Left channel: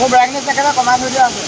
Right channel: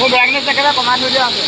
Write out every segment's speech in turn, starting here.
মোৰ ব্ৰাইটনেছ একেবাৰে কমাই থৈ দিয়া আছে।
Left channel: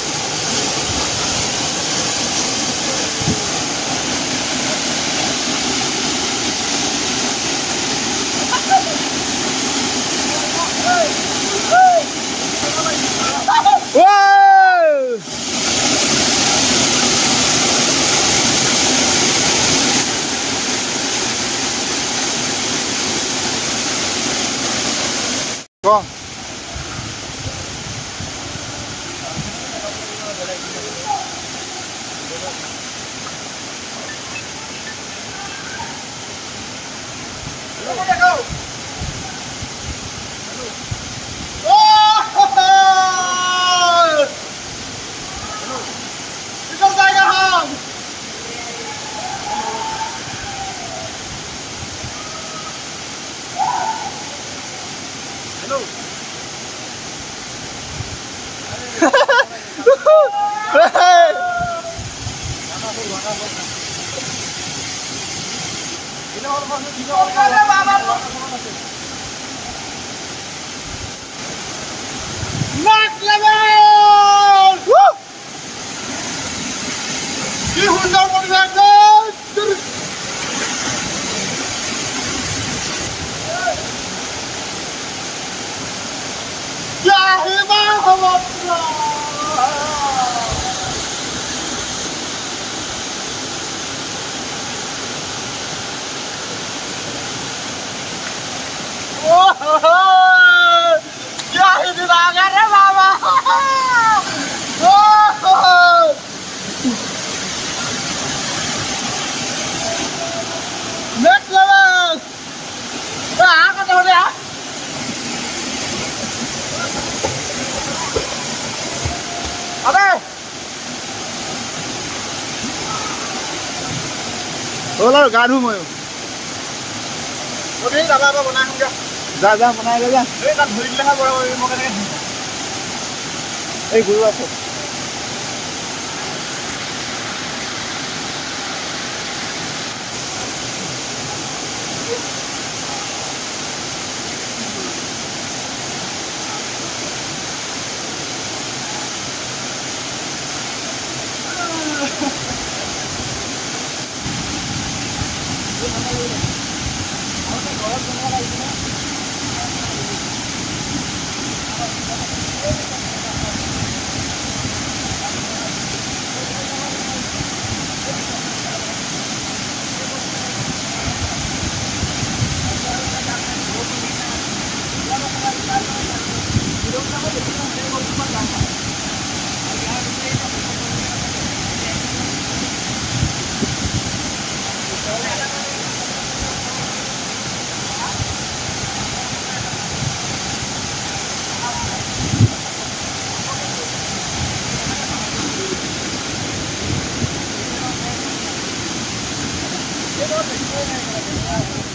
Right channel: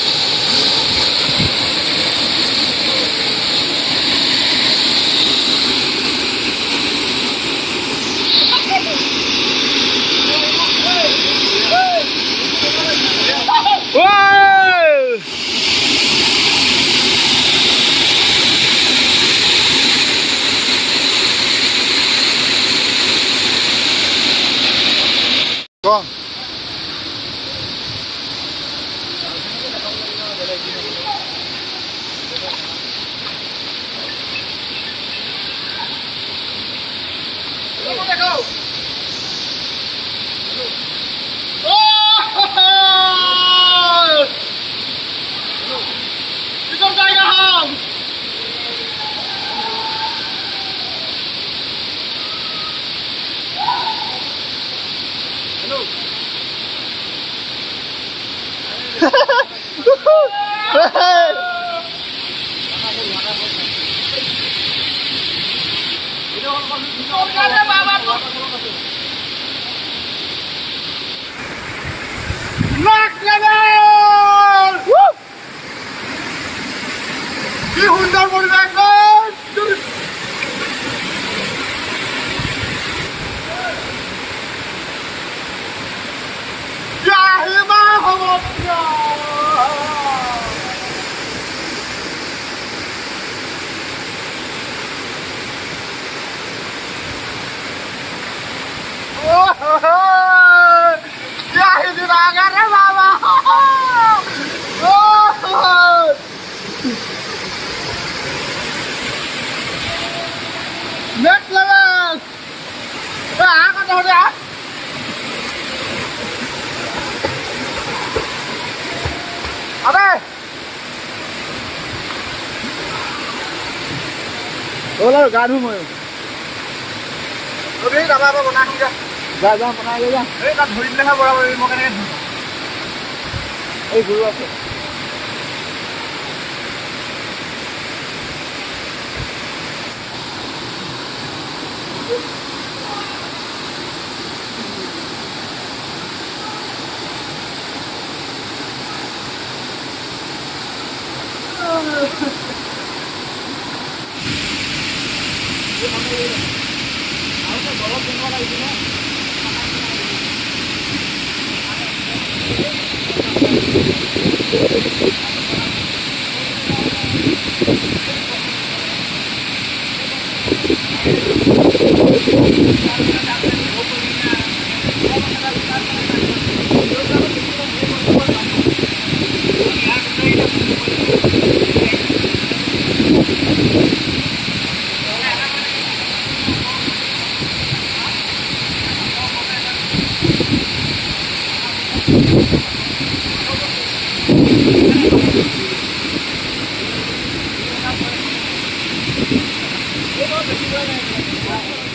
কি সুন্দর পরিবেশ क्या ही आगा रे बाबा next level cái đâu đấy ở đây là gà đúng rồi đi tao ba bữa nay không chưa ra bữa nay ra đấy tao thử lên hai bữa một cái này ấy cứ ok Hãy subscribe cho kênh Ghiền Mì Gõ để không bỏ lỡ những video hấp dẫn.